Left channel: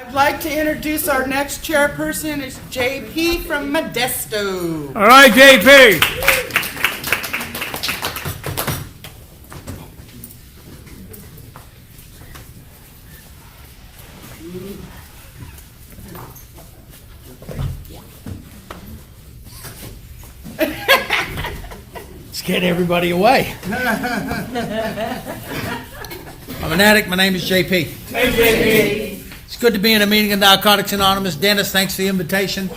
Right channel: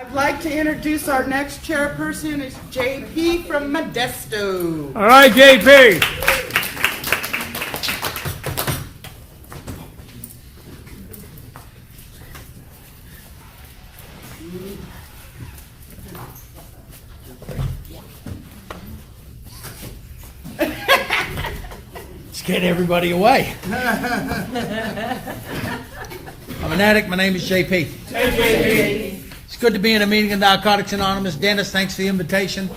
I'd like to introduce our next chairperson. It's JP from Modesto. All right, JP. Scared everybody away. I'm an addict. My name is JP. Hey, JP. It's good to be in a meeting of Narcotics Anonymous. Dennis, thanks for the invitation.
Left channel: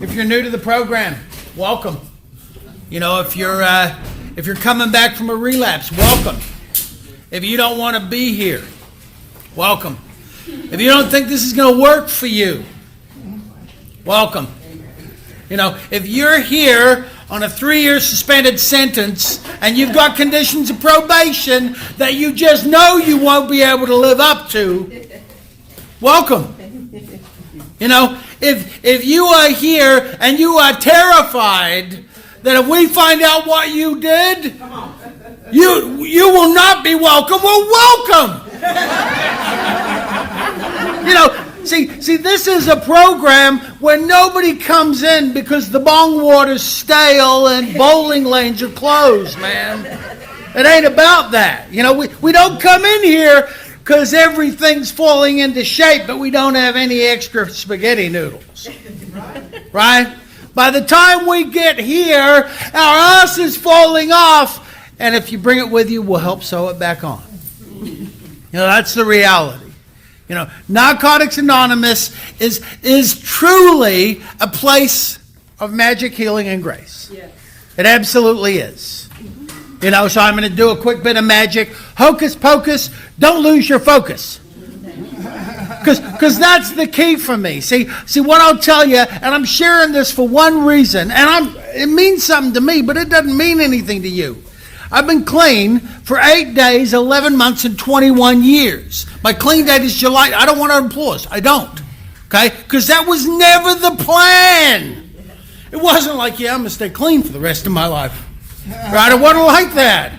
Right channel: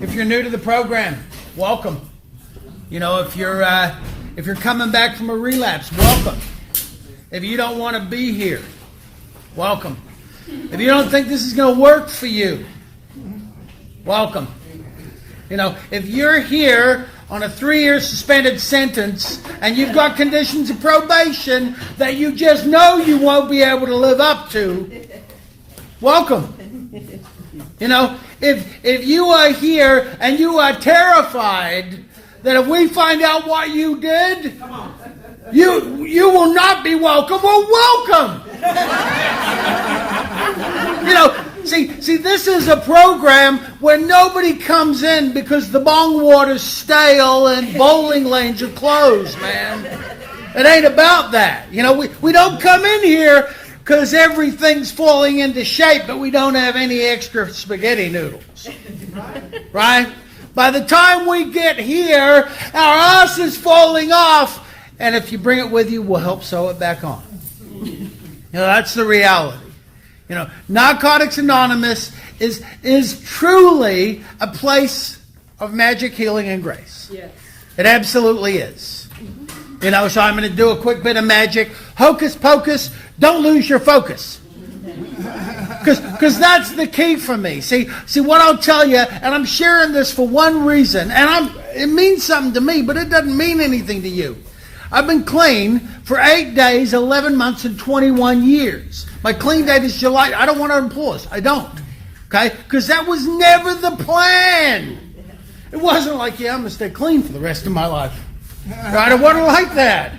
If you're new to the program, welcome. You know, if you're coming back from a relapse, welcome. If you don't want to be here, welcome. If you don't think this is going to work for you, welcome. You know, if you're here on a 3-year suspended sentence and you've got conditions of probation that you just know you won't be able to live up to, welcome. You know, if you are here and you are terrified that if we find out what you did, you will not be welcome. Well, welcome. You know, see, this is a program where nobody comes in because the bong water's stale and bowling lanes are closed, man. It ain't about that. You know, we don't come in here because everything's falling into shape, but we don't have any extra spaghetti noodles. Right? By the time we get here, our ass is falling off, and if you bring it with you, we'll help sew it back on. You know, that's the reality. You know, Narcotics Anonymous is truly a place of magic, healing, and grace. Yes. It absolutely is. You know, so I'm going to do a quick bit of magic. Hocus pocus, don't lose your focus. Because that's the key for me. See what I'll tell you, and I'm sharing this for one reason, and it means something to me, but it doesn't mean anything to you. I've been clean for 8 days, 11 months, and 21 years. My clean date is July. I don't want to applause. I don't. Okay? Because that was never the plan. It wasn't like, I'm going to stay clean for the rest of my life. Right? It wasn't like that.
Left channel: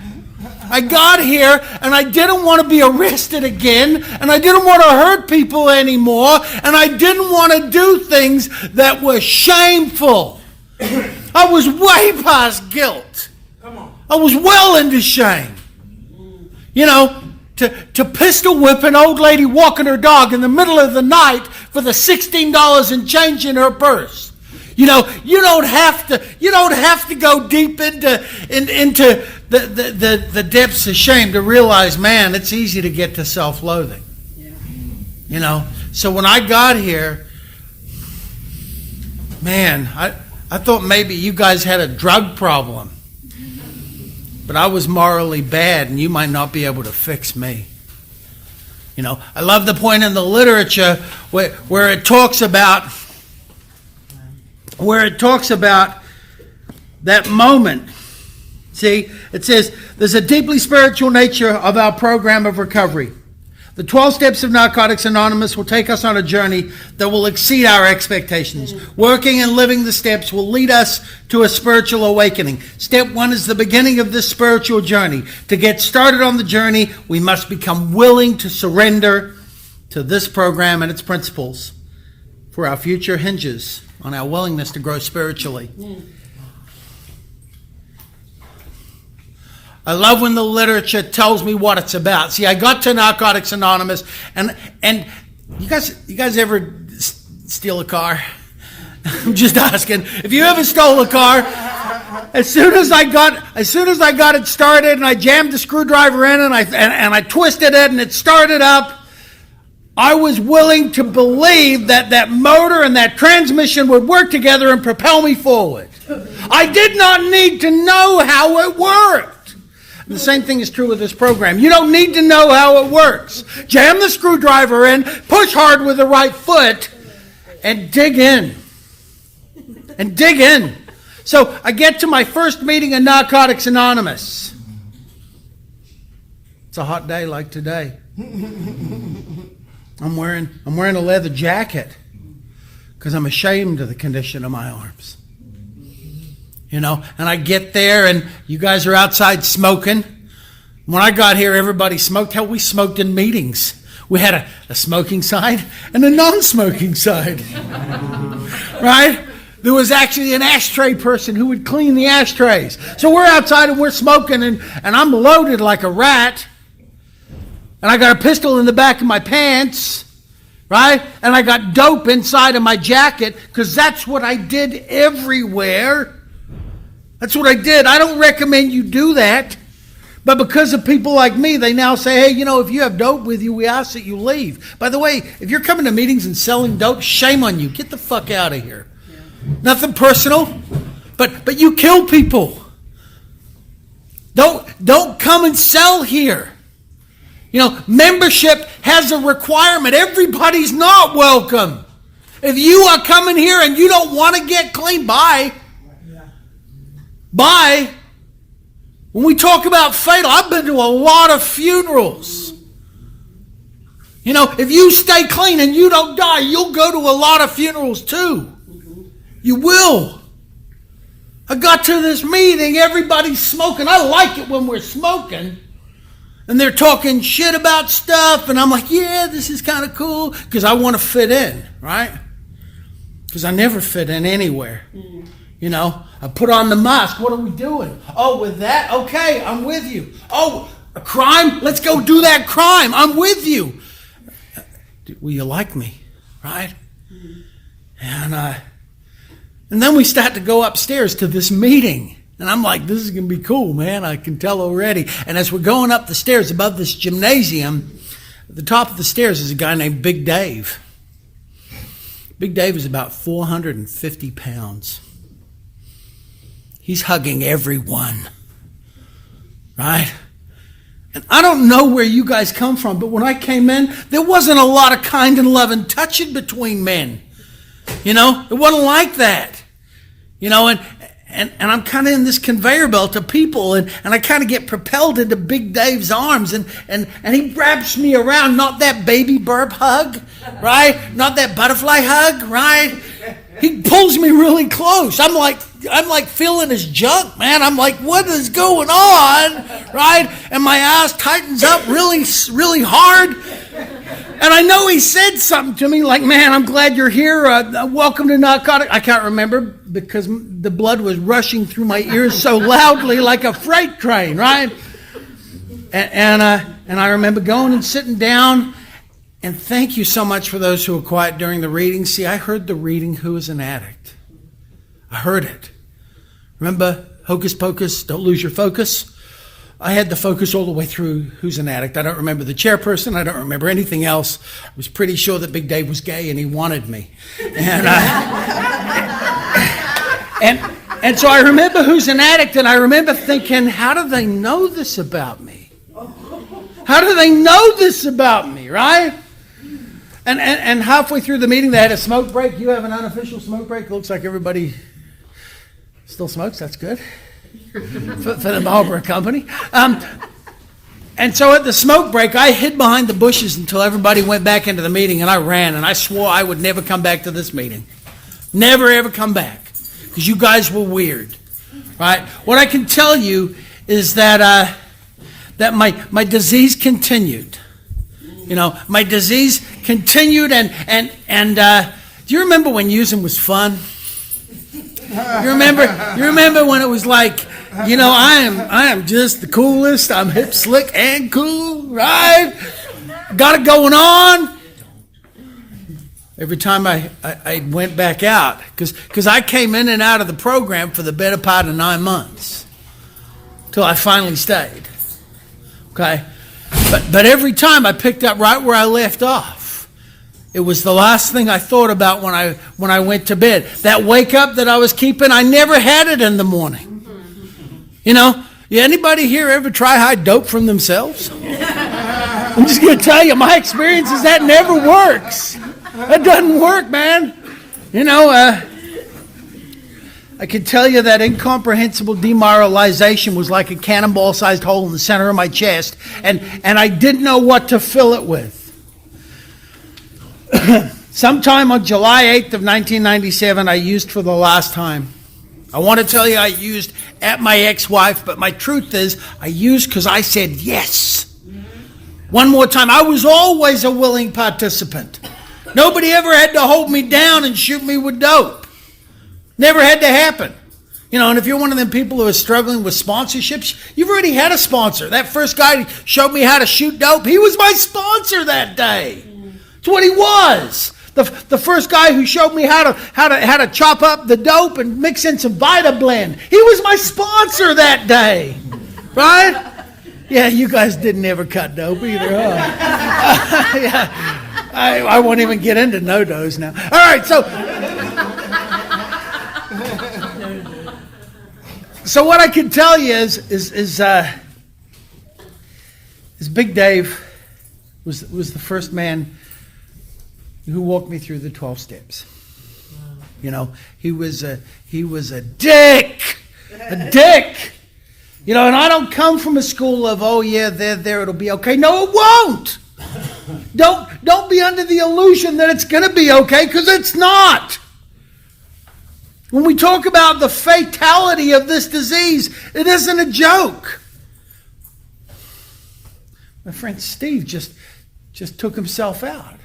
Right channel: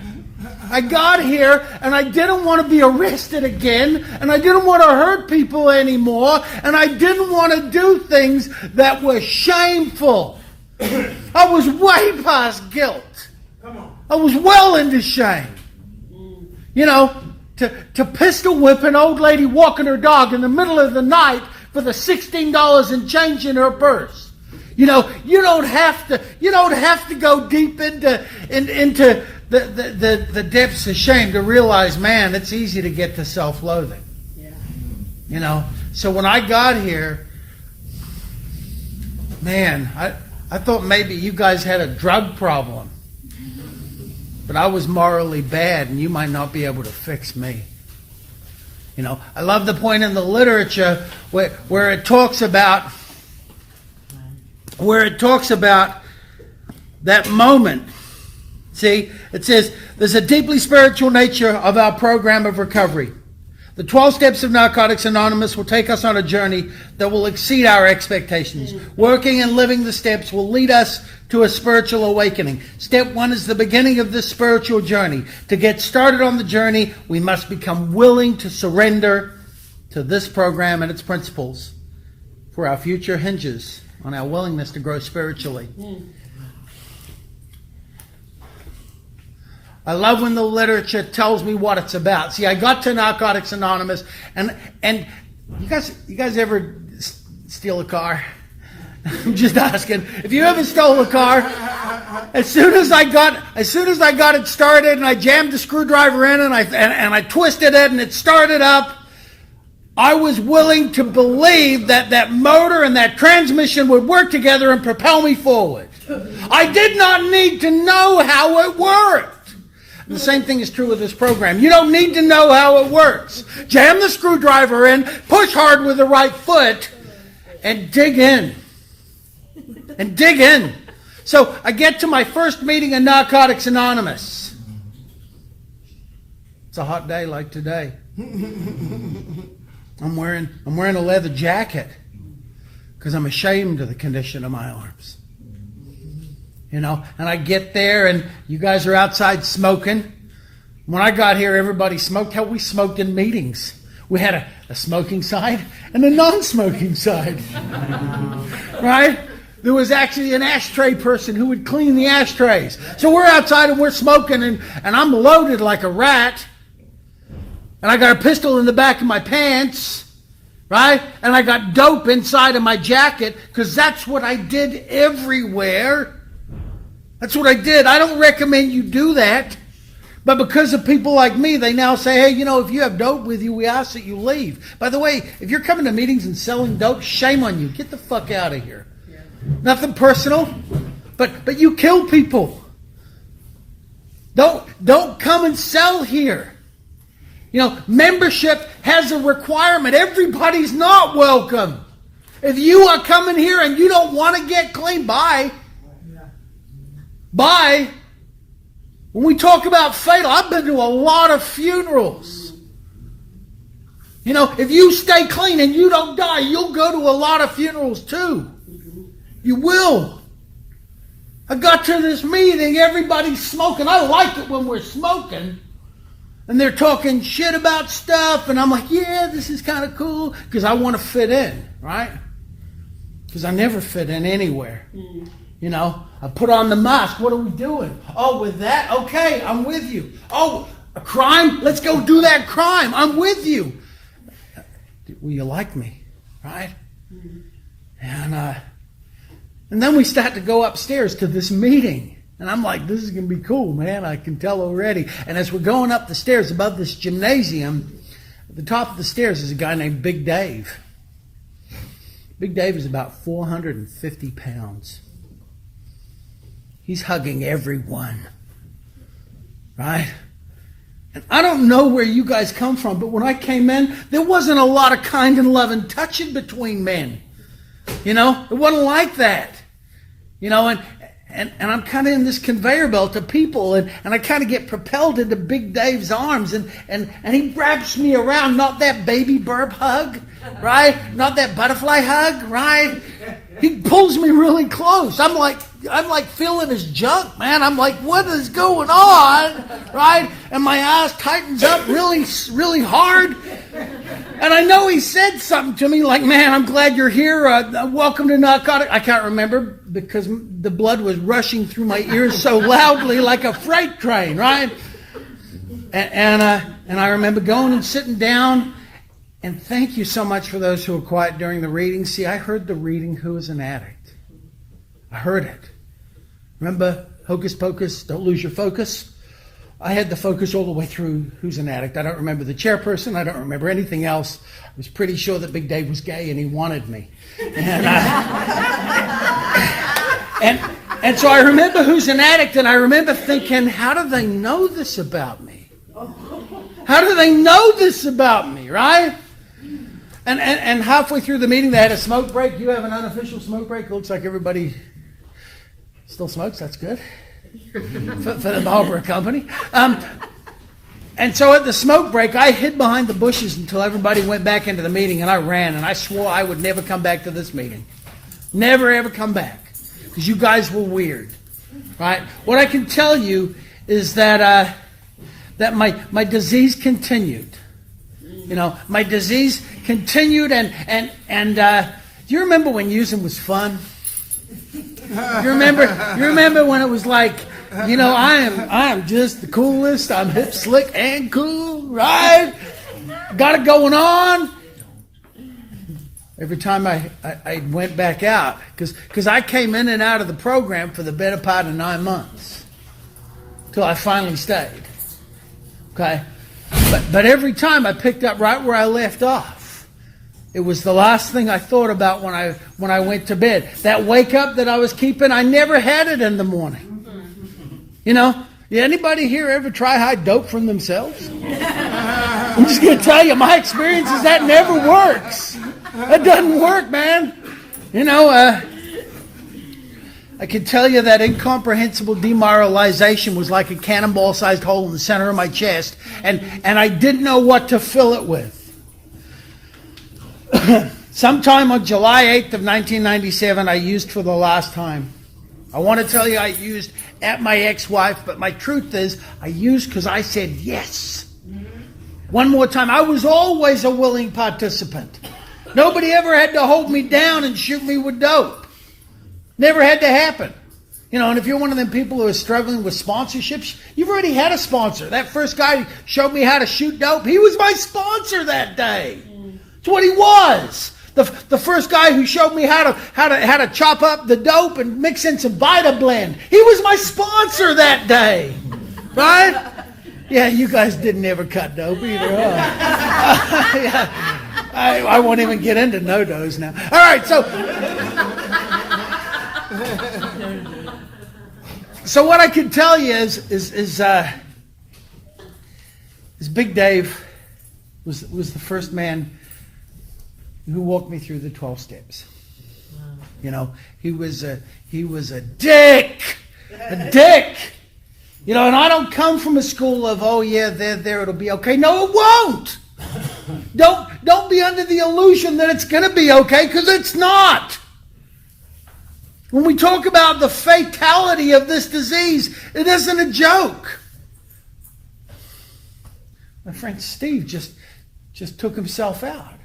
I got here, and I didn't want to be arrested again, and I didn't want to hurt people anymore, and I didn't want to do things that were shameful. I was way past guilt. I was well into shame. You know, to pistol whip an old lady walking her dog in the middle of the night for the $16 and change in her purse. You know, you don't have to go deep into the depths of shame to realize, man, it's easy to get to self-loathing. Yeah. You know, so when I got here, man, I thought maybe you guys had a drug problem. But I was morally bad, and you might not be able to fix me. You know, I love the point in the literature where it talks about that moment. See, it says there's a deeply spiritual nature of our program of recovery. The 12 steps of Narcotics Anonymous will take us on a journey that will exceed our expectations. Working and living the steps will lead us to a spiritual awakening. Step 1 is the beginning of this spiritual journey. To get started on the journey, we must become willing to surrender to this program and its principles, for our future hinges on our willingness to grow spiritually. I love when the literature tells me what it's about. See, I got to Narcotics Anonymous, and you guys ever steal a car? I'm just asking. If you ever stole a car, as soon as I got it started, and I jammed the screwdriver in, and I twisted it, and it started up, I was willing to believe that motor and that transmission would work together and propel me forward. I did not need to know how it worked. The same thing is true with this program. You don't need to know how it works. Jam the screwdriver in, push hard with the right foot, and dig in. And dig in. So I get to my first meeting of Narcotics Anonymous. It's a hot day like today. I'm wearing a leather jacket because I'm ashamed of the condition of my arms. You know, and I get there and you guys are outside smoking. When I got here, everybody smoked. Hell, we smoked in meetings. We had a smoking side and a non-smoking side, right? There was actually an ashtray person who would clean the ashtrays. So we're outside and we're smoking, and I'm loaded like a rat. And I got a pistol in the back of my pants, right? And I got dope inside of my jacket, because that's what I did everywhere. That's what I did. I don't recommend you do that. But because of people like me, they now say, hey, if you have dope with you, we ask that you leave. By the way, if you're coming to meetings and selling dope, shame on you. Get the fuck out of here. Yeah. Nothing personal, but you kill people. Don't come and sell here. Membership has a requirement. Everybody's not welcome. If you are coming here and you don't want to get clean, bye. Bye. When we talk about fatal, I've been to a lot of funerals. If you stay clean and you don't die, you'll go to a lot of funerals too. You will. I got to this meeting, everybody's smoking. I like it when we're smoking. And they're talking shit about stuff, and I'm like, yeah, this is kind of cool, because I want to fit in, right? Because I never fit in anywhere. I put on the mask. What are we doing? Oh, with that? Okay, I'm with you. Oh, a crime? Let's go do that crime. I'm with you. Will you like me? Right? And then we start to go upstairs to this meeting. And I'm like, this is going to be cool, man. I can tell already. And as we're going up the stairs above this gymnasium, at the top of the stairs is a guy named Big Dave. Big Dave is about 450 pounds. He's hugging everyone, right? And I don't know where you guys come from, but when I came in, there wasn't a lot of kind and loving touching between men. It wasn't like that. And I'm kind of in this conveyor belt of people, and I kind of get propelled into Big Dave's arms, and he wraps me around, not that baby burp hug, right? Not that butterfly hug, right? He pulls me really close. I'm like feeling his junk, man. I'm like, what is going on, right? And my ass tightens up really, really hard. And I know he said something to me like, man, I'm glad you're here. Welcome to Narcotic. I can't remember because the blood was rushing through my ears so loudly like a freight train, right? And I remember going and sitting down. And thank you so much for those who were quiet during the reading. See, I heard the reading, Who is an Addict? I heard it. Remember, Hocus Pocus, don't lose your focus? I had the focus all the way through Who's an Addict. I don't remember the chairperson. I don't remember anything else. I was pretty sure that Big Dave was gay and he wanted me. And so I remember Who's an Addict, and I remember thinking, how do they know this about me? How do they know this about me, right? And halfway through the meeting, they had a smoke break. You have an unofficial smoke break. Looks like everybody still smokes. That's good for the Marlboro Company. And so at the smoke break, I hid behind the bushes until everybody went back into the meeting, and I ran, and I swore I would never come back to this meeting. Never, ever come back, because you guys were weird, right? What I can tell you is that my disease continued. My disease continued, and do you remember when using was fun? You remember when it was like, I am just the coolest. I'm hip, slick, and cool, right? Got it going on. Every time I went back out, because I came in and out of the program for the better part of 9 months, till I finally stayed. Okay. But every time I picked up right where I left off. It was the last thing I thought about when I went to bed. That wake up that I was keeping, I never had it in the morning. Anybody here ever try hide dope from themselves? I'm just going to tell you, my experience is that never works. It doesn't work, man. I can tell you that incomprehensible demoralization was like a cannonball-sized hole in the center of my chest, and I didn't know what to fill it with. Sometime on July 8th of 1997, I used for the last time. I want to tell you I used at my ex-wife, but my truth is I used because I said yes. One more time. I was always a willing participant. Nobody ever had to hold me down and shoot me with dope. Never had to happen. You know, and if you're one of them people who are struggling with sponsorships, you've already had a sponsor. That first guy showed me how to shoot dope. He was my sponsor that day. That's what he was. The first guy who showed me how to chop up the dope and mix in some Vita Blend. He was my sponsor that day. Right? Yeah, you guys didn't ever cut dope either, huh? Yeah. I won't even get into no-dos now. All right, so what I can tell you is Big Dave was the first man who walked me through the 12 steps. You know, he was a dick. A dick. You know, and I don't come from a school of, oh yeah, there, it'll be okay. No, it won't. Don't be under the illusion that it's going to be okay, because it's not. When we talk about the fatality of this disease, it isn't a joke. My friend Steve just took himself out.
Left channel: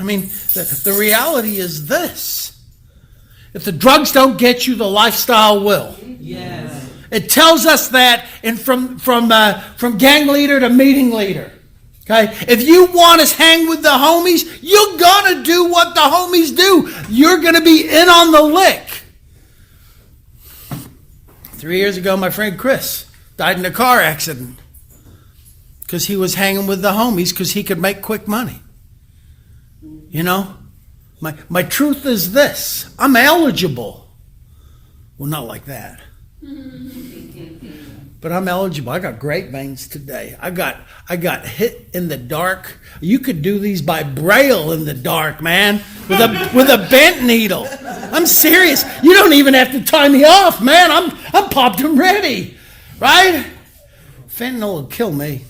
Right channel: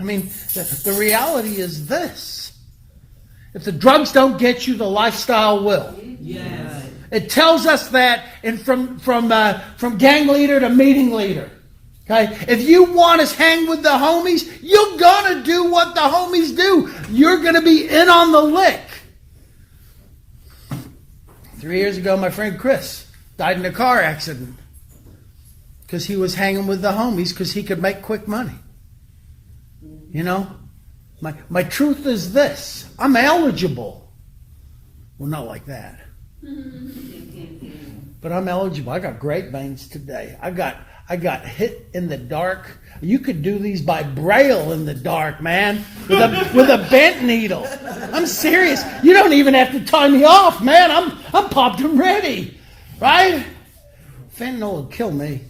I mean, the reality is this. If the drugs don't get you, the lifestyle will. Yes. It tells us that from gang leader to meeting leader. Okay? If you want to hang with the homies, you're going to do what the homies do. You're going to be in on the lick. 3 years ago, my friend Chris died in a car accident because he was hanging with the homies because he could make quick money. You know? My truth is this. I'm eligible. Well, not like that. But I'm eligible. I got great veins today. I got hit in the dark. You could do these by braille in the dark, man, with a bent needle. I'm serious. You don't even have to tie me off, man. I'm popped and ready, right? Fentanyl will kill me.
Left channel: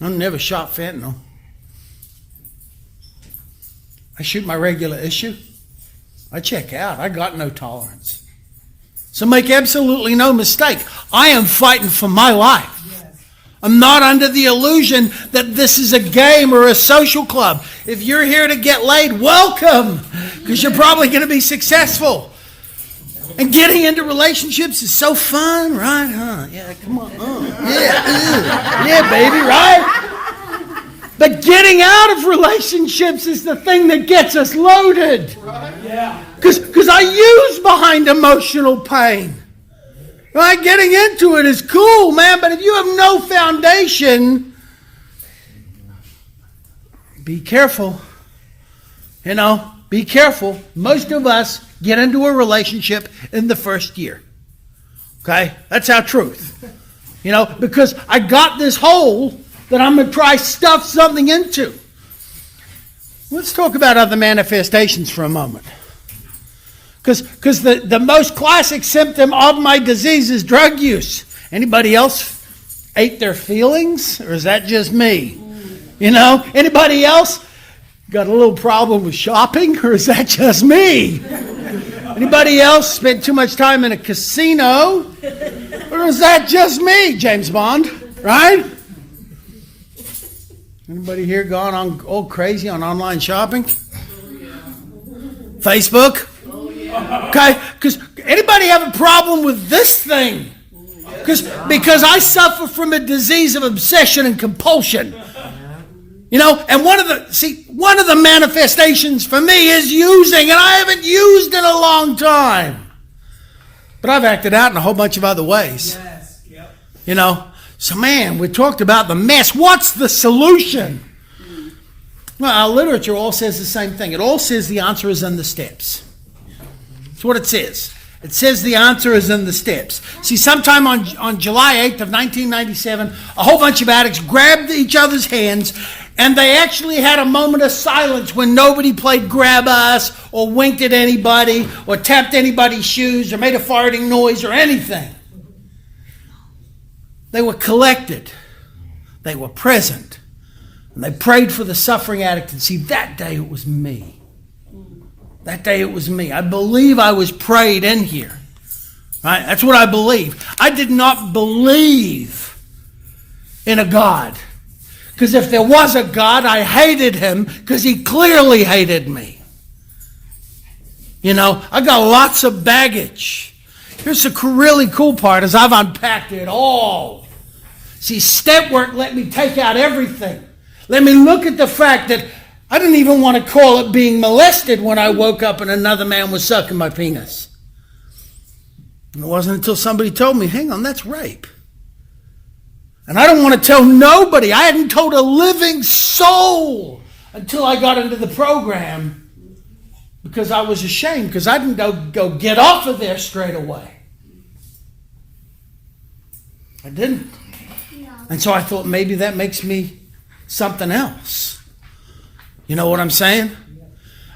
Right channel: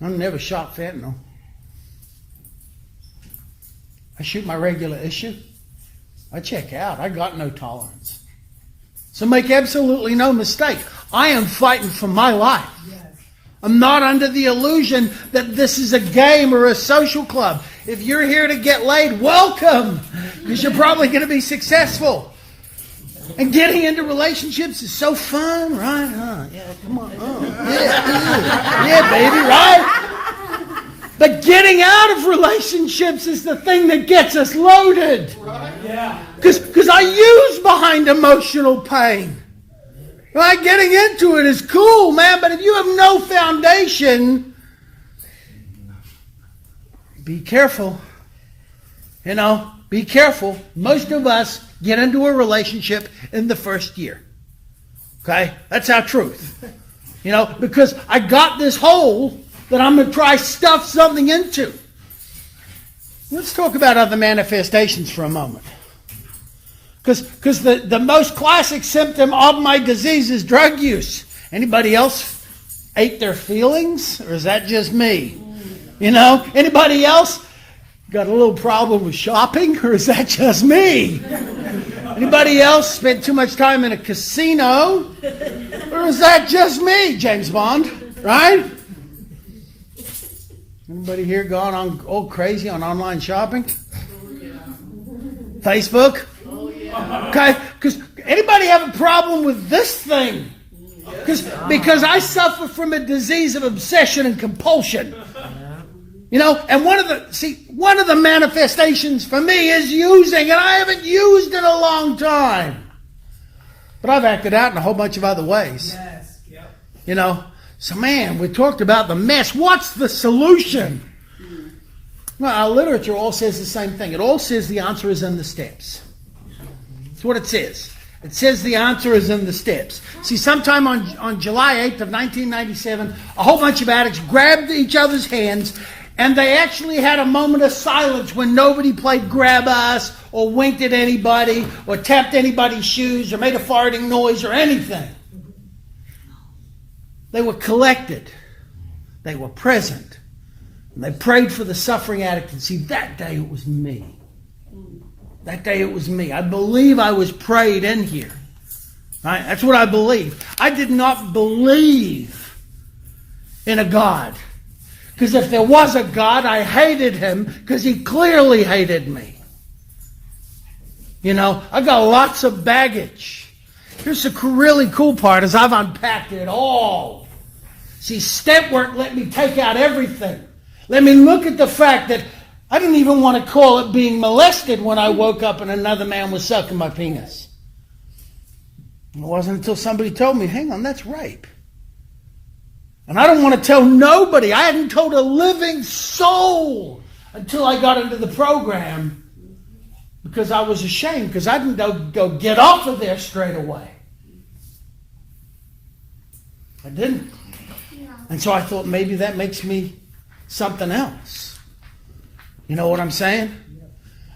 I've never shot fentanyl. I shoot my regular issue. I check out. I got no tolerance. So make absolutely no mistake. I am fighting for my life. Yes. I'm not under the illusion that this is a game or a social club. If you're here to get laid, welcome, because you're probably going to be successful. And getting into relationships is so fun, right? Huh? Yeah, come on. Yeah, baby, right? But getting out of relationships is the thing that gets us loaded. Yeah. Because I use behind emotional pain. Right? Getting into it is cool, man. But if you have no foundation, be careful. You know, be careful. Most of us get into a relationship in the first year. Okay? That's our truth. You know, because I got this hole that I'm going to try stuff something into. Let's talk about other manifestations for a moment. Because the most classic symptom of my disease is drug use. Anybody else ate their feelings? Or is that just me? You know, anybody else got a little problem with shopping? Or is that just me? Anybody else spent too much time in a casino? Or is that just me, James Bond? Right? Anybody here gone on all crazy on online shopping? Facebook? Okay, because anybody have a problem with this thing? Because I suffer from a disease of obsession and compulsion. You know, and one of the manifestations for me is using, and I haven't used in a long time. But I've acted out in a whole bunch of other ways. Yes. Yep. You know. So, man, we talked about the mess. What's the solution? Well, our literature all says the same thing. It all says the answer is in the steps. That's what it says. It says the answer is in the steps. See, sometime on July 8th of 1997, a whole bunch of addicts grabbed each other's hands, and they actually had a moment of silence when nobody played grab us or winked at anybody or tapped anybody's shoes or made a farting noise or anything. They were collected. They were present. And they prayed for the suffering addict. And see, that day it was me. That day it was me. I believe I was prayed in here. Right? That's what I believe. I did not believe in a God. Because if there was a God, I hated him because he clearly hated me. You know, I got lots of baggage. Here's the really cool part is I've unpacked it all. See, step work let me take out everything. Let me look at the fact that I didn't even want to call it being molested when I woke up and another man was sucking my penis. And it wasn't until somebody told me, hang on, that's rape. And I don't want to tell nobody. I hadn't told a living soul until I got into the program because I was ashamed because I didn't go get off of there straight away. I didn't. And so I thought maybe that makes me something else. You know what I'm saying?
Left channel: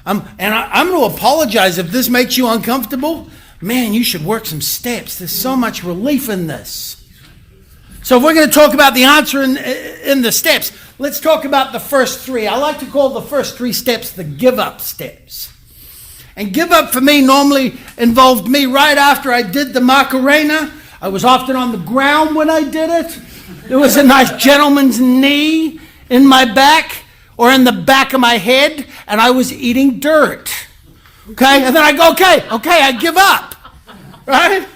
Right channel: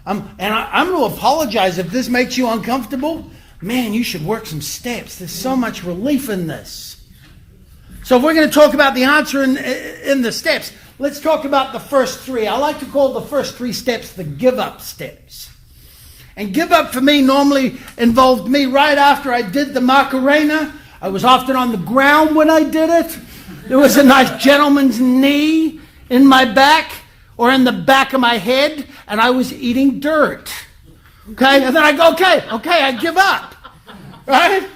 I'm going to apologize if this makes you uncomfortable. Man, you should work some steps. There's so much relief in this. So if we're going to talk about the answer in the steps, let's talk about the first three. I like to call the first three steps the give up steps. And give up for me normally involved me right after I did the Macarena. I was often on the ground when I did it. There was a nice gentleman's knee in my back or in the back of my head, and I was eating dirt. Okay? And then I go, okay, I give up. Right?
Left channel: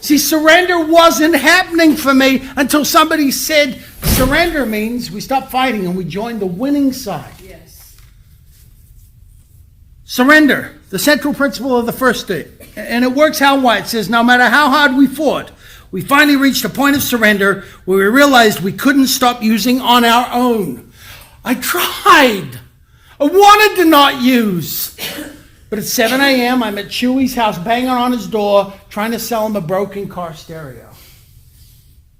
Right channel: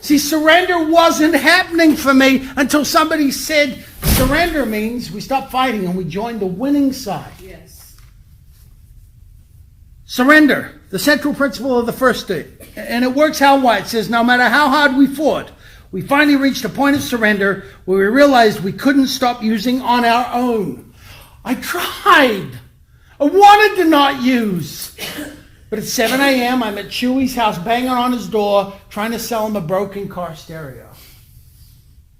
See, surrender wasn't happening for me until somebody said surrender means we stop fighting and we join the winning side. Yes. Surrender, the central principle of the first step. And it works how White says, no matter how hard we fought, we finally reached a point of surrender where we realized we couldn't stop using on our own. I tried. I wanted to not use. But at 7 a.m., I'm at Chewy's house, banging on his door, trying to sell him a broken car stereo.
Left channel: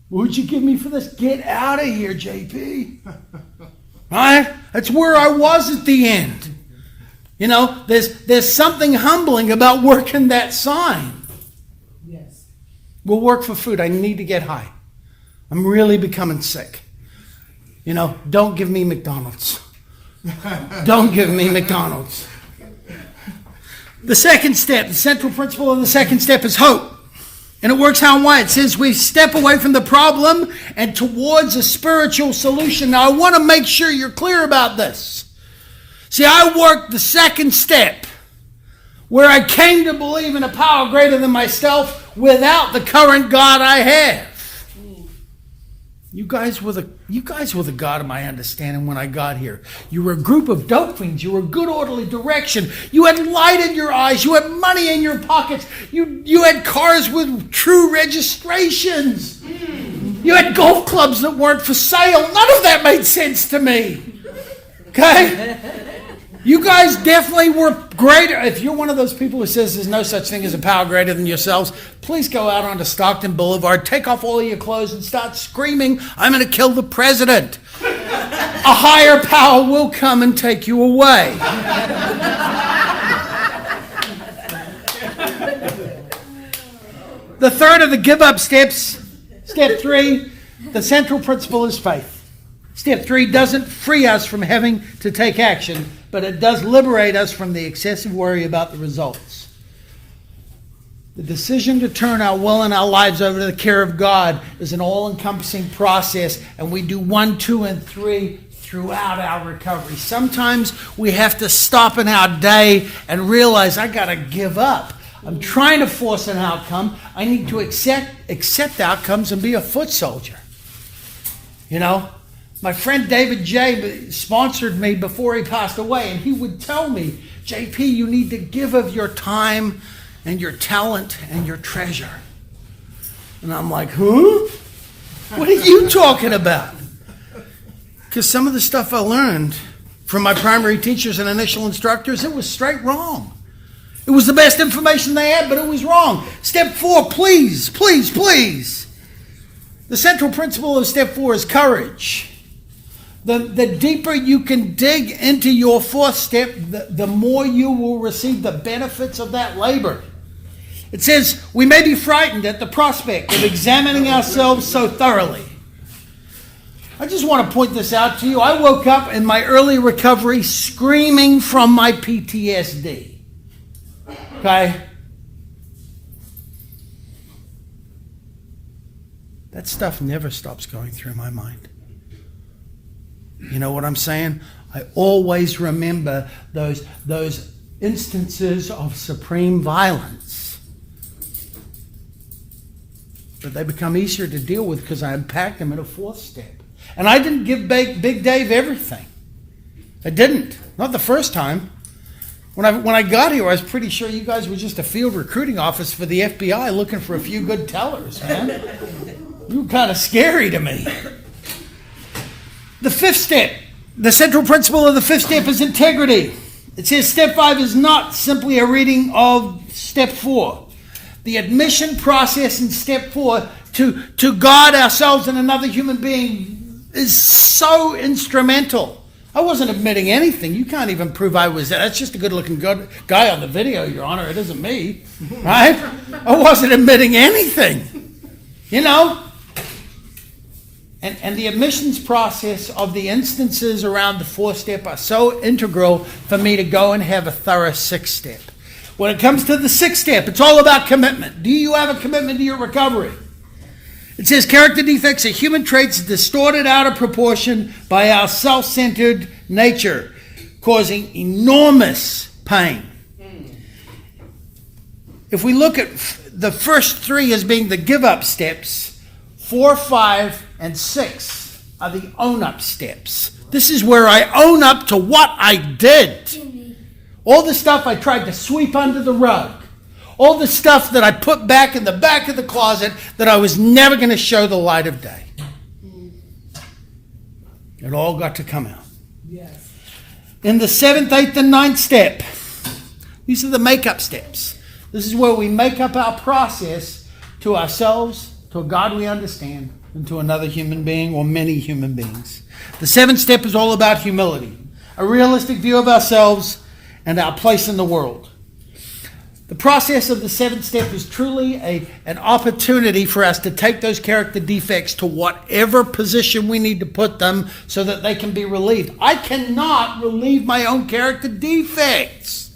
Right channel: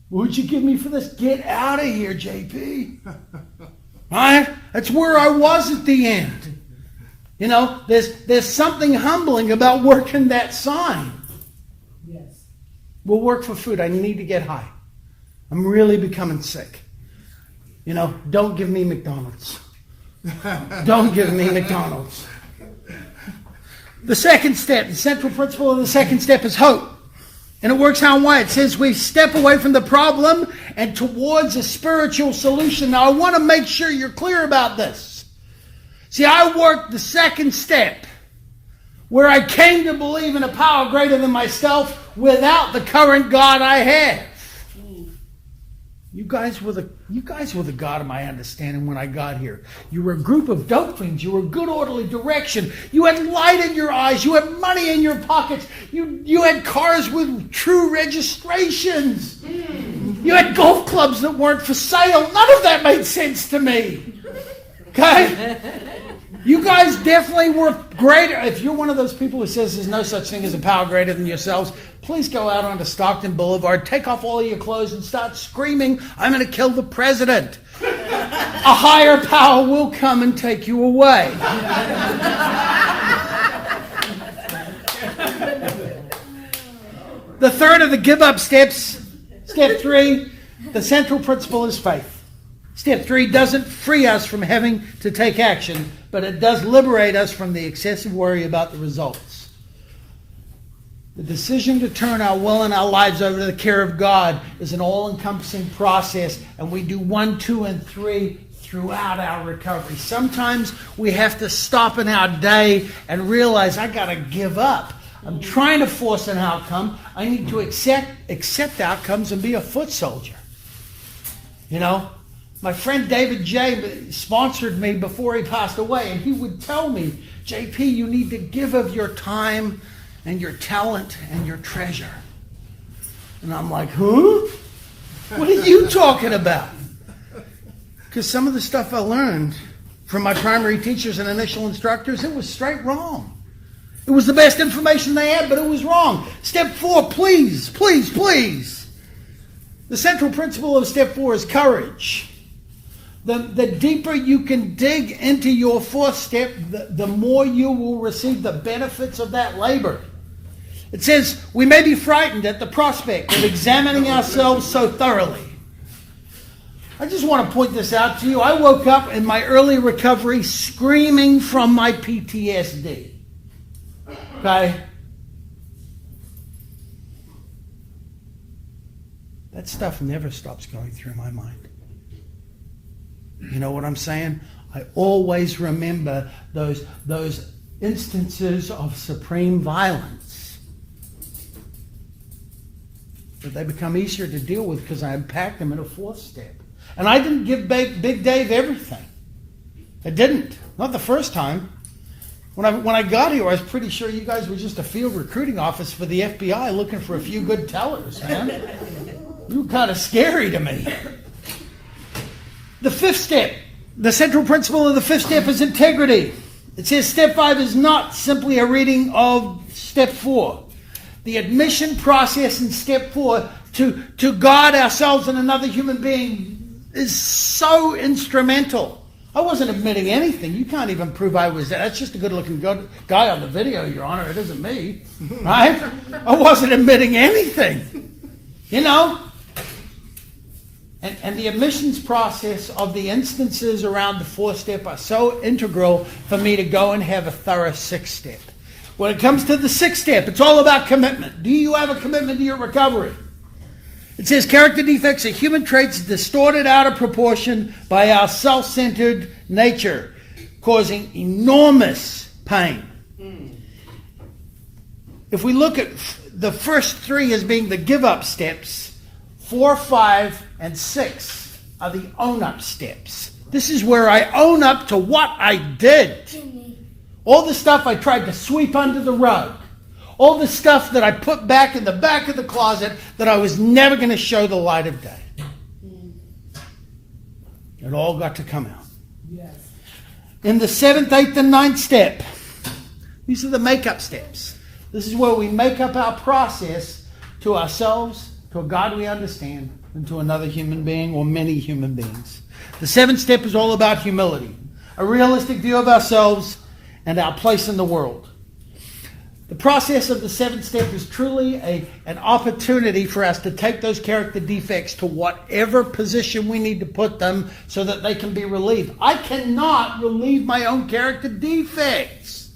What'd you give me for this? Get out of here, JP. Right? That's where I was at the end. You know, there's something humbling about working that sign. Yes. We'll work for food. I need to get high. I'm really becoming sick. You know, don't give me McDonald's. Don't give me McDonald's. The second step, the central principle of the second step is hope. And it works how and why. It says we step away from the problem and towards a spiritual solution. Now, I want to make sure you're clear about this. See, I worked the second step where I came to believe in a power greater than myself without the current God I have. You guys were the God of my understanding when I got here. You were a group of dope fiends. You were good orderly direction. You had light in your eyes. You had money in your pockets. You had cars with true registrations. You had golf clubs that weren't for sale. None of that made sense to me. Okay? You guys definitely were greater. If you're one of those people who says there's no such thing as a power greater than yourselves, please go out onto Stockton Boulevard, take off all of your clothes and start screaming, I'm going to kill the president. A higher power will come and take you away. The third of the give up steps, step 3, the central principle is faith. Step 3 doesn't free us from having to take action, but it does liberate us from the excessive worry about the results. The decision to turn our will and our lives over to the care of God is an all-encompassing process, and we do 1, 2, and 3 throughout our recovery. Sometimes we have to stop in our day and realize I got to give up. I'm trying to force an outcome. I need to accept outcomes and be a foot soldier. You know? My friend David J. sponsored me before he passed away, and he would tell me, JP, you need to give of your time and your talent and your treasure. And I'm like, huh? What are you talking about? Because some of the stuff I learned from my primary teachers and initial instructors, it was straight wrong. It was the best information they had, but it was wrong. Step 4, please, please, please. The central principle of step 4 is courage. The deeper you can dig into your fourth step, the more you will receive the benefits of that labor. It says, we may be frightened at the prospect of examining ourselves so thoroughly. I just want to point this out to you. I woke up in my early recovery screaming from my PTSD. Okay? that stuff never stops going through my mind. You know what I'm saying? I always remember those instances of supreme violence. But they become easier to deal with because I unpacked them in a fourth step. And I didn't give Big Dave everything. I didn't. Not the first time. When I got here, I was pretty sure you guys were just a field recruiting office for the FBI looking for a few good tellers, man. You were kind of scary to me. The fifth step, the central principle of the fifth step is integrity. It says step 5 is not simply a reading of step 4. The admission process in step 4 to God, ourselves, and another human being is so instrumental. I wasn't admitting anything. You can't even prove I was. That's just a good-looking guy on the video, Your Honor. It isn't me, right? I wasn't admitting anything, you know. And the admissions process of the instances around the fourth step are so integral for me to go and have a thorough sixth step. When it comes to the sixth step, it's all about commitment. Do you have a commitment to your recovery? It says character defects are human traits distorted out of proportion by our self-centered nature, causing enormous pain. If we look at the first 3 as being the give-up steps, 4, 5, and 6 are the own-up steps. This is where I own up to what I did. All the stuff I tried to sweep under the rug. All the stuff that I put back in the back of the closet that I was never going to show the light of day. It all got to come out. Yes. In the 7th, 8th, and 9th step, these are the make-up steps. This is where we make up our process to ourselves, to a God we understand, and to another human being or many human beings. The 7th step is all about humility, a realistic view of ourselves and our place in the world. The process of the 7th step is truly an opportunity for us to take those character defects to whatever position we need to put them so that they can be relieved. I cannot relieve my own character defects.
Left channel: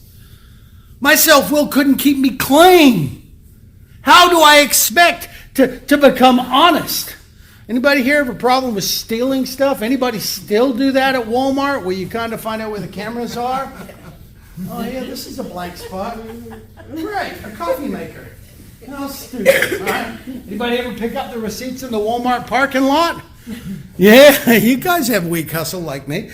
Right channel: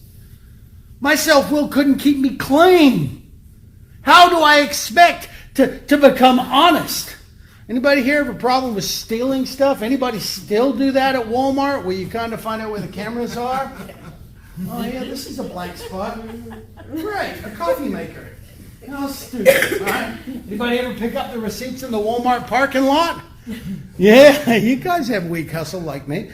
My self-will couldn't keep me clean. How do I expect to become honest? Anybody here have a problem with stealing stuff? Anybody still do that at Walmart where you kind of find out where the cameras are? Oh yeah, this is a blank spot. Right, a coffee maker. How stupid, right? Anybody ever pick up the receipts in the Walmart parking lot? Yeah, you guys have weak hustle like me.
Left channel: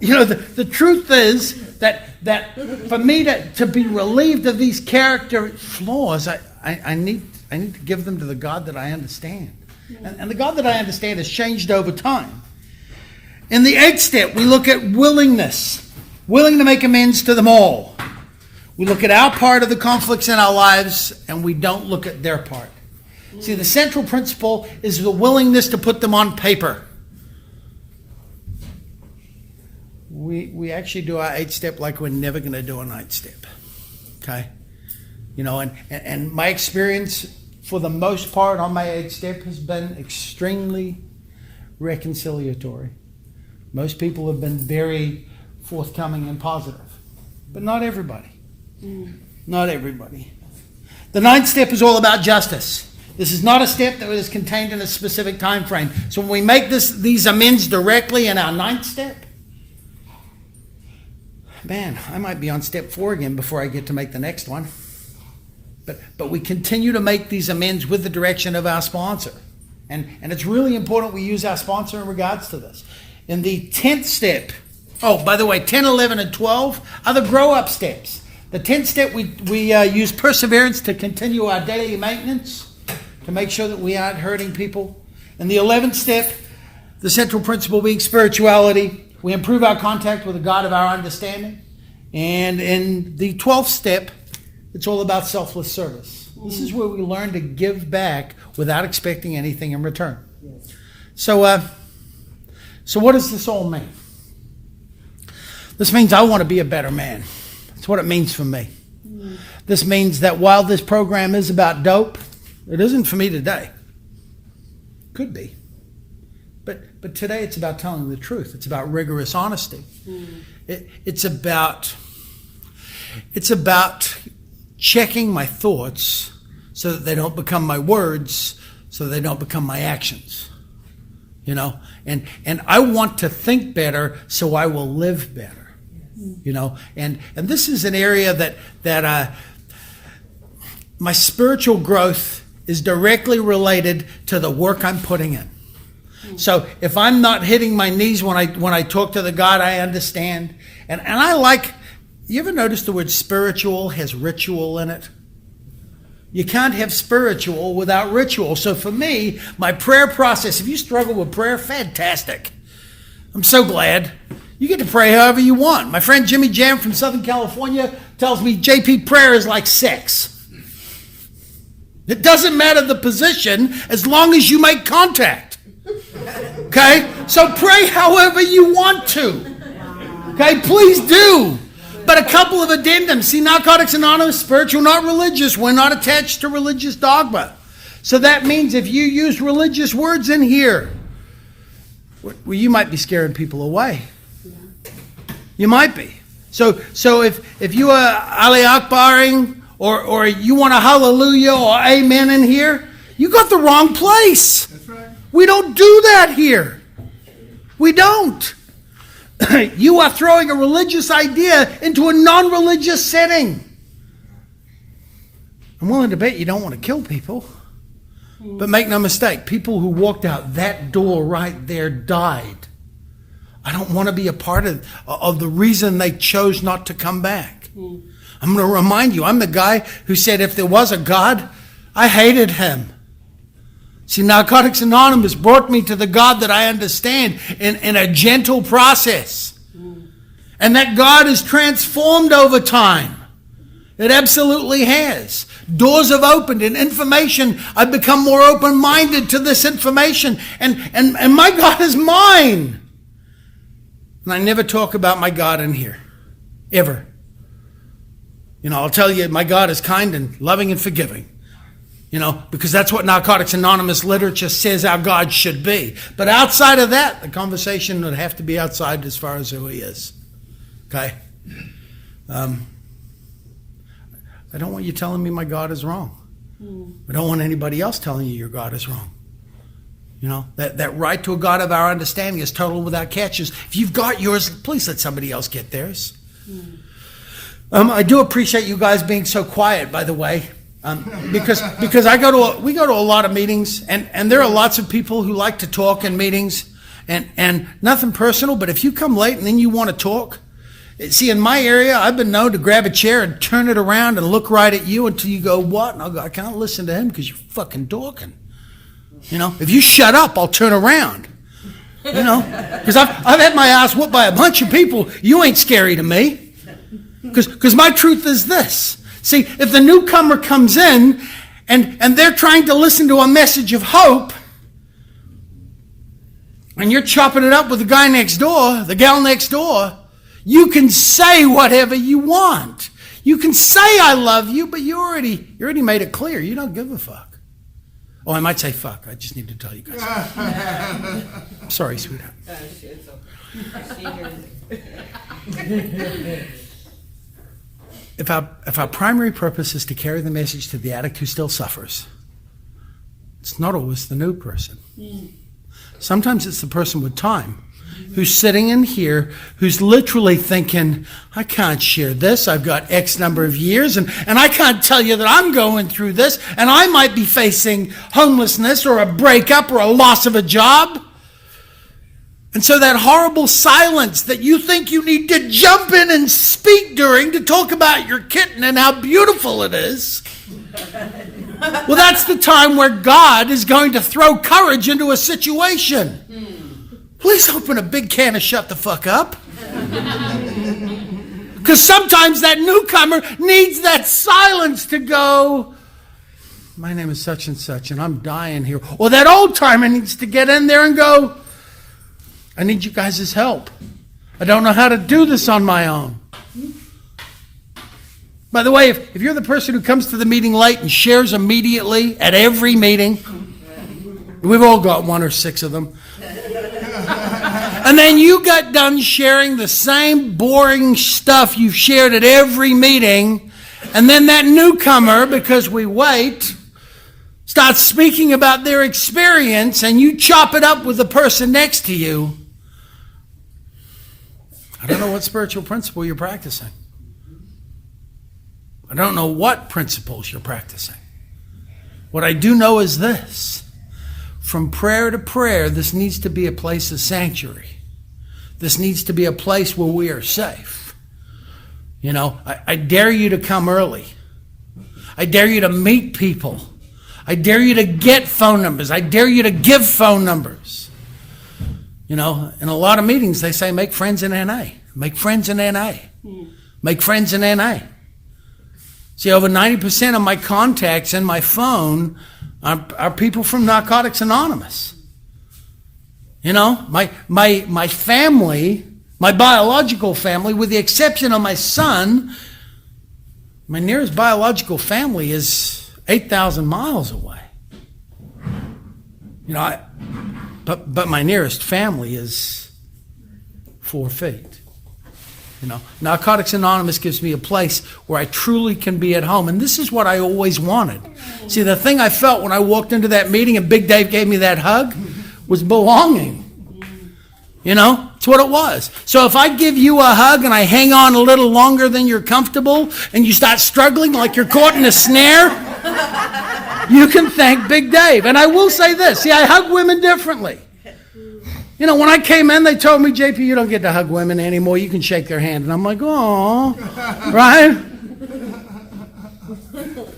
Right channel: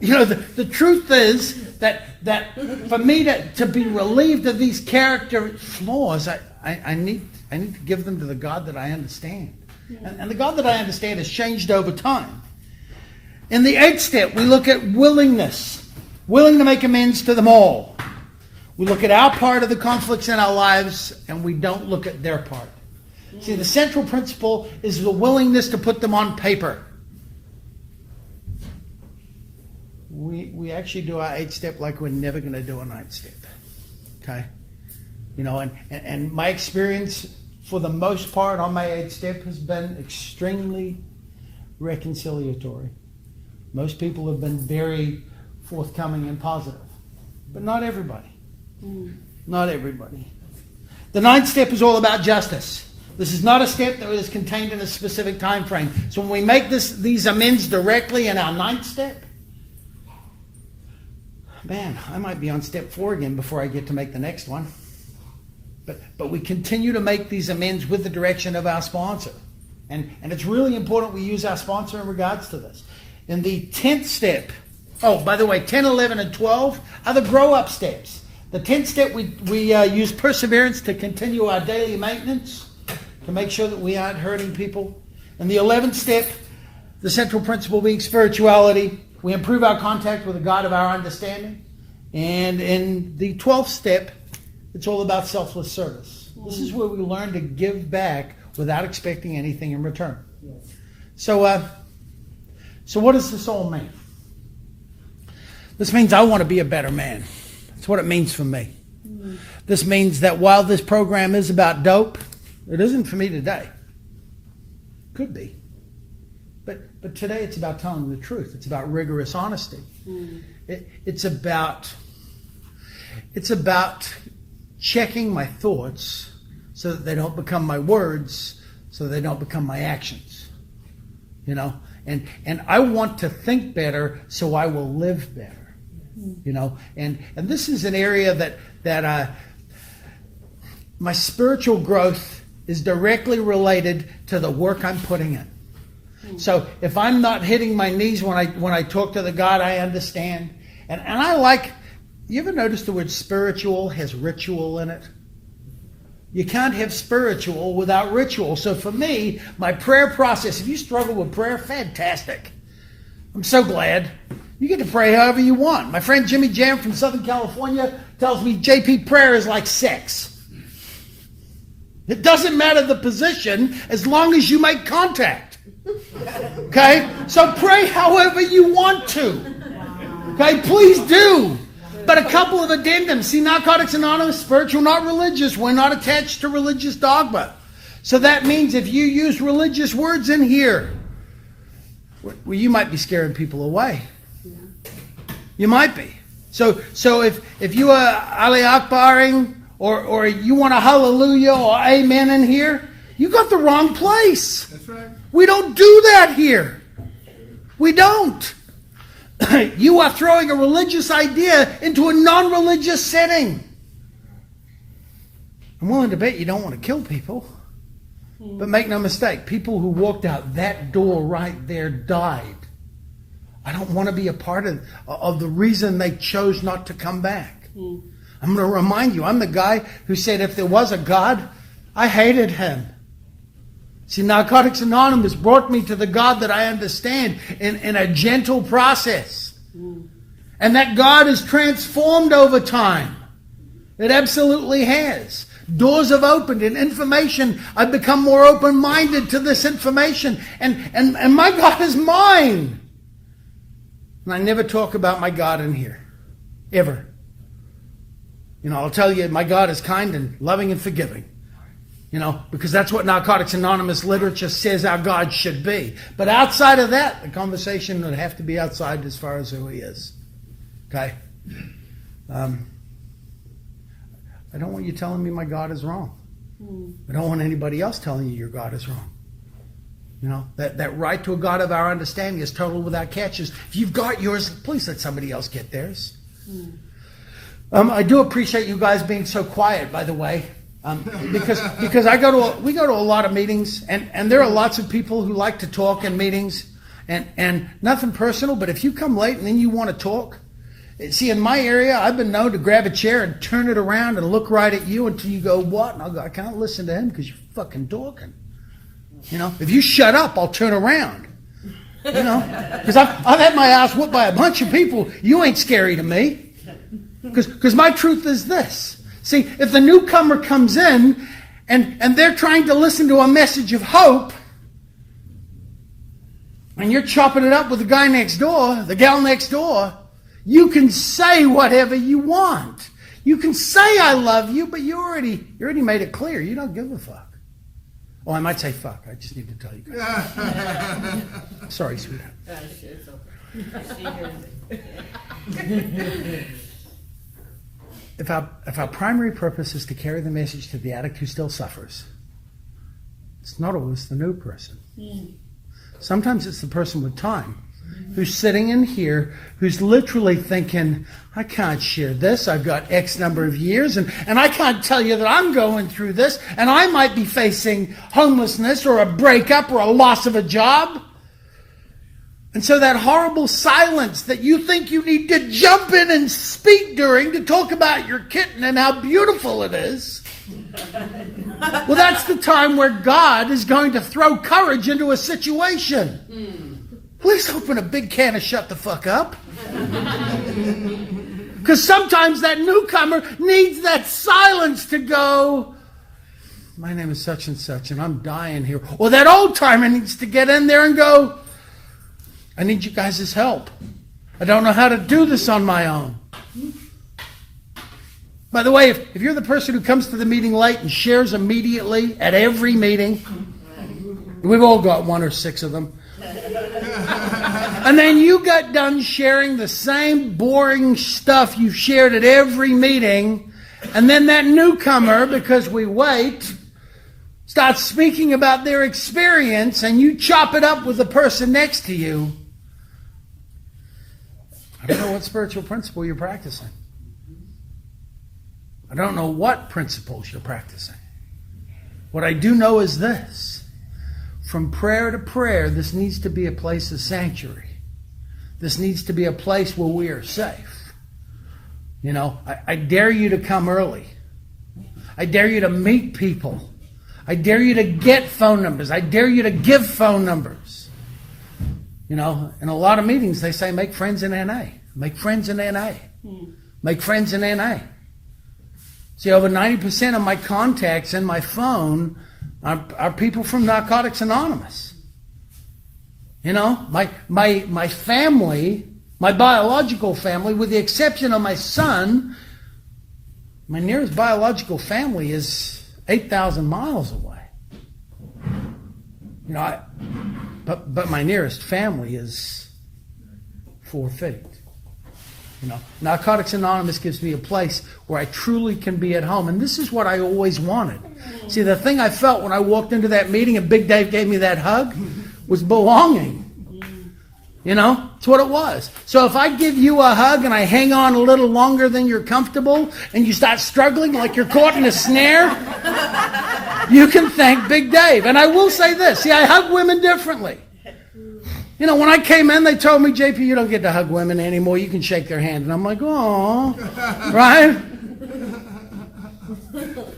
You know, the truth is that for me to be relieved of these character flaws, I need to give them to the God that I understand. And the God that I understand has changed over time. In the 8th step, we look at willingness. Willing to make amends to them all. We look at our part of the conflicts in our lives and we don't look at their part. See, the central principle is the willingness to put them on paper. We actually do our 8th step like we're never going to do a 9th step. Okay? You know, and my experience for the most part on my 8th step has been extremely reconciliatory. Most people have been very forthcoming and positive. But not everybody. Not everybody. The 9th step is all about justice. This is not a step that is contained in a specific time frame. So when we make these amends directly in our 9th step, man, I might be on step 4 again before I get to make the next one. But we continue to make these amends with the direction of our sponsor. And it's really important we use our sponsor in regards to this. In the 10th step, oh, by the way, 10, 11, and 12 are the grow-up steps. The 10th step, we use perseverance to continue our daily maintenance, to make sure that we aren't hurting people. In the 11th step, the central principle being spirituality, we improve our contact with the God of our understanding. And in the 12th step, it's all about selfless service. This is where we learn to give back without expecting anything in return. So what does this all mean? This means I want to be a better man. That's what it means for me. This means that while this program is about dope, it isn't for me today. Could be. But today it's about telling the truth. It's about rigorous honesty. It's about checking my thoughts so that they don't become my words, so they don't become my actions. You know, and I want to think better so I will live better. You know, and this is an area that my spiritual growth is directly related to the work I'm putting in. So if I'm not hitting my knees when I talk to the God I understand, and I like, you ever notice the word spiritual has ritual in it? You can't have spiritual without ritual. So for me, my prayer process, if you struggle with prayer, fantastic. I'm so glad. You get to pray however you want. My friend Jimmy Jam from Southern California tells me JP, prayer is like sex. It doesn't matter the position as long as you make contact. Okay? So pray however you want to. Okay? Please do. But a couple of addendums. See, Narcotics Anonymous, spiritual, not religious. We're not attached to religious dogma. So that means if you use religious words in here, well, you might be scaring people away. You might be. So if you are Ali Akbaring or you want a hallelujah or amen in here, you got the wrong place. That's right. We don't do that here. We don't. You are throwing a religious idea into a non-religious setting. I'm willing to bet you don't want to kill people. But make no mistake, people who walked out that door right there died. I don't want to be a part of the reason they chose not to come back. I'm going to remind you, I'm the guy who said if there was a God, I hated him. See, Narcotics Anonymous brought me to the God that I understand in a gentle process. And that God has transformed over time. It absolutely has. Doors have opened and information. I've become more open-minded to this information. And my God is mine. And I never talk about my God in here. Ever. You know, I'll tell you, my God is kind and loving and forgiving. You know, because that's what Narcotics Anonymous literature says our God should be. But outside of that, the conversation would have to be outside as far as who he is. Okay? I don't want you telling me my God is wrong. I don't want anybody else telling you your God is wrong. You know, that right to a God of our understanding is total without catches. If you've got yours, please let somebody else get theirs. I do appreciate you guys being so quiet, by the way. Because we go to a lot of meetings, and there are lots of people who like to talk in meetings, and nothing personal, but if you come late and then you want to talk, see, in my area, I've been known to grab a chair and turn it around and look right at you until you go, what? And I'll go, I can't listen to him because you're fucking talking. You know, if you shut up, I'll turn around. You know, because I've had my ass whooped by a bunch of people. You ain't scary to me. Because my truth is this. See, if the newcomer comes in and they're trying to listen to a message of hope, and you're chopping it up with the guy next door, the gal next door, you can say whatever you want. You can say I love you, but you already made it clear. You don't give a fuck. Oh, I might say fuck. I just need to tell you guys. I'm sorry, sweetheart. If our primary purpose is to carry the message to the addict who still suffers, it's not always the new person. Sometimes it's the person with time who's sitting in here, who's literally thinking, I can't share this. I've got X number of years, and I can't tell you that I'm going through this, and I might be facing homelessness or a breakup or a loss of a job. And so that horrible silence that you think you need to jump in and speak during to talk about your kitten and how beautiful it is, well, that's the time where God is going to throw courage into a situation. Please open a big can of shut the fuck up. Because sometimes that newcomer needs that silence to go, my name is such and such and I'm dying here. Or that old timer needs to get in there and go, I need you guys' help. I don't know how to do this on my own. By the way, if you're the person who comes to the meeting late and shares immediately at every meeting, we've all got 1 or 6 of them. And then you got done sharing the same boring stuff you've shared at every meeting, and then that newcomer, because we wait, starts speaking about their experience and you chop it up with the person next to you, I don't know what spiritual principle you're practicing. I don't know what principles you're practicing. What I do know is this. From prayer to prayer, this needs to be a place of sanctuary. This needs to be a place where we are safe. You know, I dare you to come early. I dare you to meet people. I dare you to get phone numbers. I dare you to give phone numbers. You know, in a lot of meetings, they say, make friends in NA. Make friends in NA. Make friends in NA. See, over 90% of my contacts in my phone are people from Narcotics Anonymous. You know, my family, my biological family, with the exception of my son, my nearest biological family is 8,000 miles away. You know, but my nearest family is 4 feet. You know, Narcotics Anonymous gives me a place where I truly can be at home. And this is what I always wanted. See, the thing I felt when I walked into that meeting and Big Dave gave me that hug was belonging. You know, it's what it was. So if I give you a hug and I hang on a little longer than you're comfortable and you start struggling like you're caught in a snare, you can thank Big Dave. And I will say this. See, I hug women differently. You know, when I came in, they told me, JP, you don't get to hug women anymore. You can shake their hand. And I'm like, oh, right?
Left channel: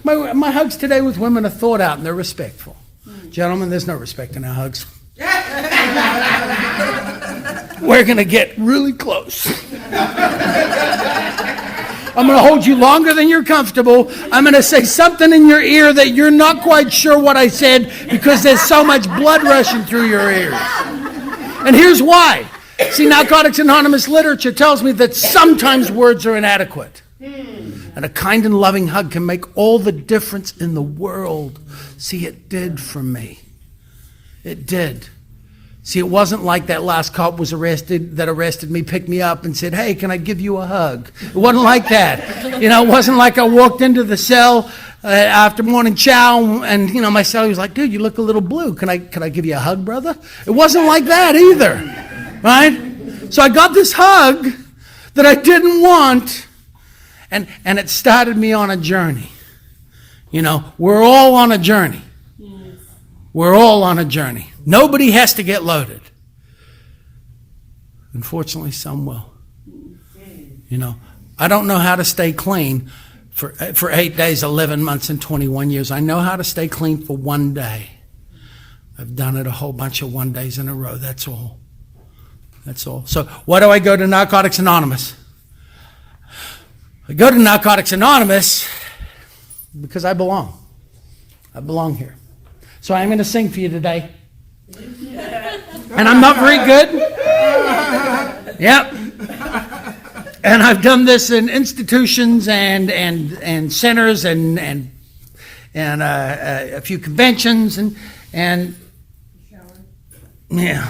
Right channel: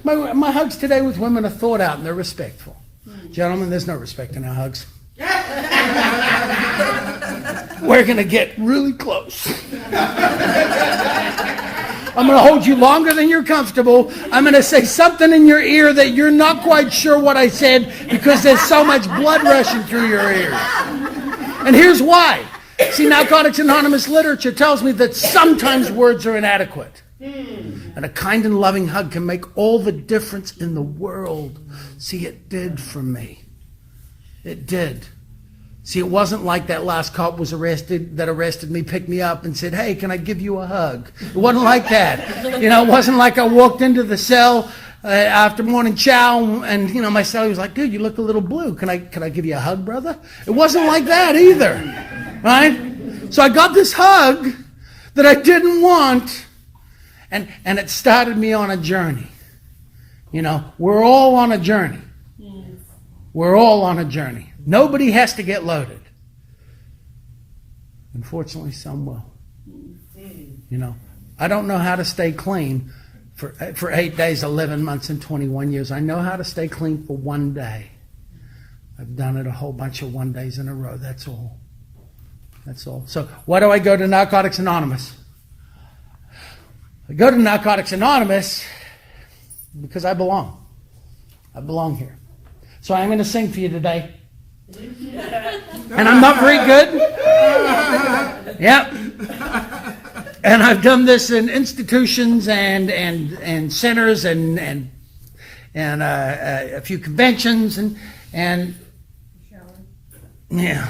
My hugs today with women are thought out and they're respectful. Gentlemen, there's no respect in our hugs. We're going to get really close. I'm going to hold you longer than you're comfortable. I'm going to say something in your ear that you're not quite sure what I said because there's so much blood rushing through your ears. And here's why. See, Narcotics Anonymous literature tells me that sometimes words are inadequate. And a kind and loving hug can make all the difference in the world. See, it did for me. It did. See, it wasn't like that last cop that arrested me, picked me up and said, hey, can I give you a hug? It wasn't like that. You know, it wasn't like I walked into the cell after morning chow and, you know, my cellie was like, dude, you look a little blue. Can I give you a hug, brother? It wasn't like that either, right? So I got this hug that I didn't want, and it started me on a journey. You know, we're all on a journey. We're all on a journey. Nobody has to get loaded. Unfortunately, some will. You know, I don't know how to stay clean for 8 days, 11 months, and 21 years. I know how to stay clean for one day. I've done it a whole bunch of 1 days in a row. That's all. That's all. So why do I go to Narcotics Anonymous? I go to Narcotics Anonymous because I belong. I belong here. So I'm going to sing for you today. And I'm not very good. Yep. And I've done this in institutions and centers and a few conventions and yeah.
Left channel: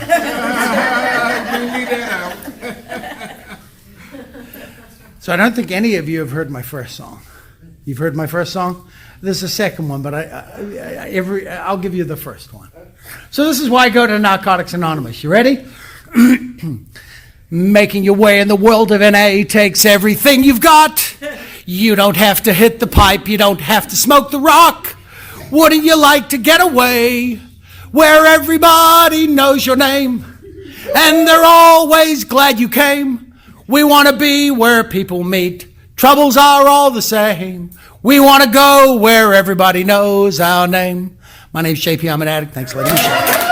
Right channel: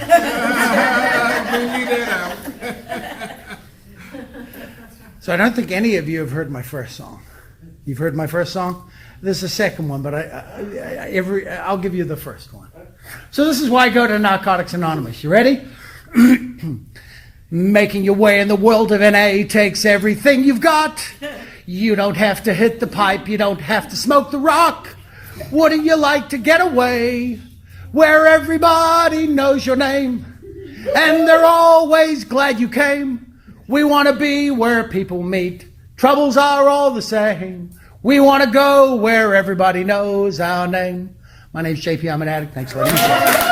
So I don't think any of you have heard my first song. You've heard my first song? This is the second one, but I'll give you the first one. So this is why I go to Narcotics Anonymous. You ready? Making your way in the world of NA takes everything you've got. You don't have to hit the pipe. You don't have to smoke the rock. Wouldn't you like to get away where everybody knows your name and they're always glad you came? We want to be where people meet. Troubles are all the same. We want to go where everybody knows our name. My name's JP. I'm an addict. Thanks for letting me share.